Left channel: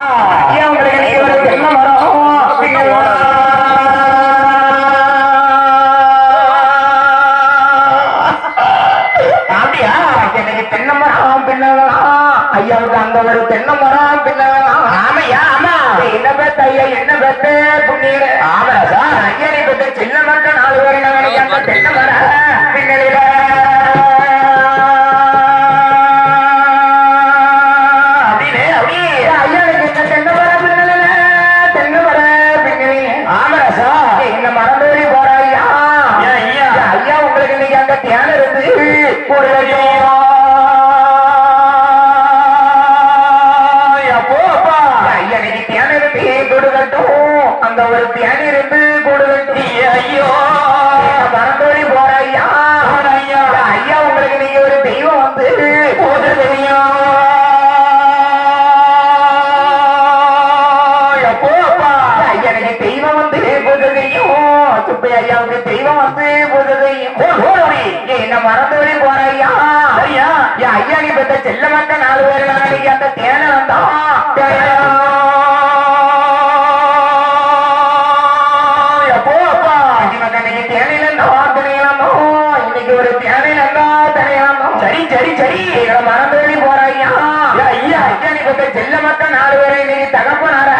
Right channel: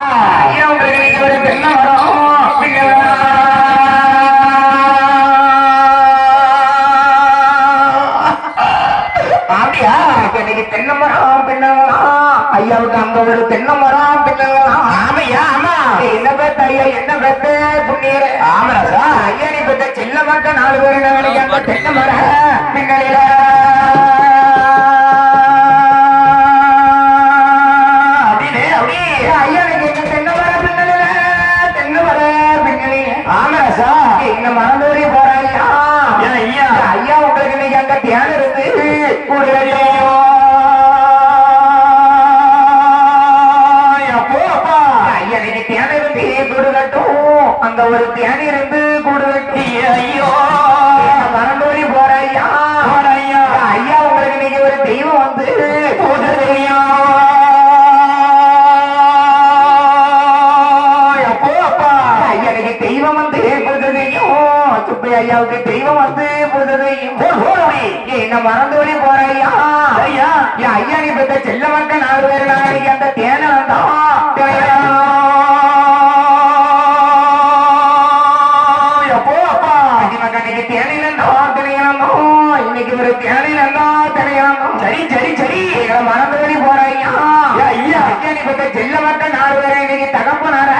உங்களுக்கு நீங்க ஒரு தென்னை மரம் அப்படியா? இன்னைக்கு தென்னை மரம் பின்னலாம் ஐயாவுக்கு அந்த ஒரு தென்னை மரம் பின்னலாம். ஆமையா? ஆமா. என்ன பேத்த ஐயா? என்ன பேத்த புண்ணிய? ஆமராசா ஐயா நீ பெற்ற சின்ன மக்கள் 4 பேர் நாளைக்கு அந்த தென்னை மரம் பின்னலில மறந்தோடி போறாரியா? ஐயா உங்களுக்கு இன்னைக்கு அங்க தியானம் இருக்கு இன்னைக்கு தியானம் இருக்கு கூடு கட்டும் அந்த ஒரு தியானம் இருந்து கூடு கட்டி ஐயோ மறந்தோடி போறாரியா? ஐயா உங்களுக்கு இன்னைக்கு ஒரு தெய்வம் வந்து கூடு தெரியும். தெய்வம் வந்து புதுகையும் சுப்பி ஐயாவுக்கு தெய்வம் வந்து புதுகையும் என்ன மறந்தோடி போற ஐயா? ஐயா ஐயா நீ பெற்ற செல்ல மக்கள் 4 பேர் நாளைக்கு அந்த தேனை வந்தா இன்னைக்கு ஒரு தேனையில இருந்தா தெரியலாம். சரி சரி சரி மறந்தோடி போற ஐயா? ஐயா ஐயா நீ பெற்ற செல்ல மக்கள் 4 பேரை இன்னைக்கு தகப்பனார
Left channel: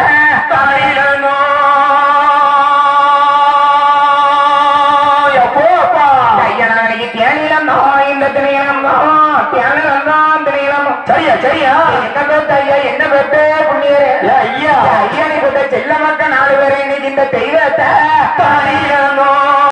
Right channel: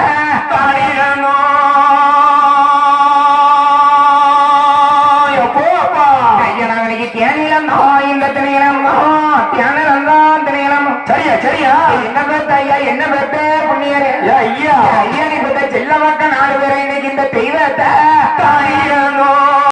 சரியா சரியா? என்ன பேத்த ஐயா? என்ன பேத்த புண்ணியரே? ஐயா ஐயா நீ பெற்ற செல்ல மக்கள் 4 பேரை இன்னைக்கு இந்த தெய்வத்தை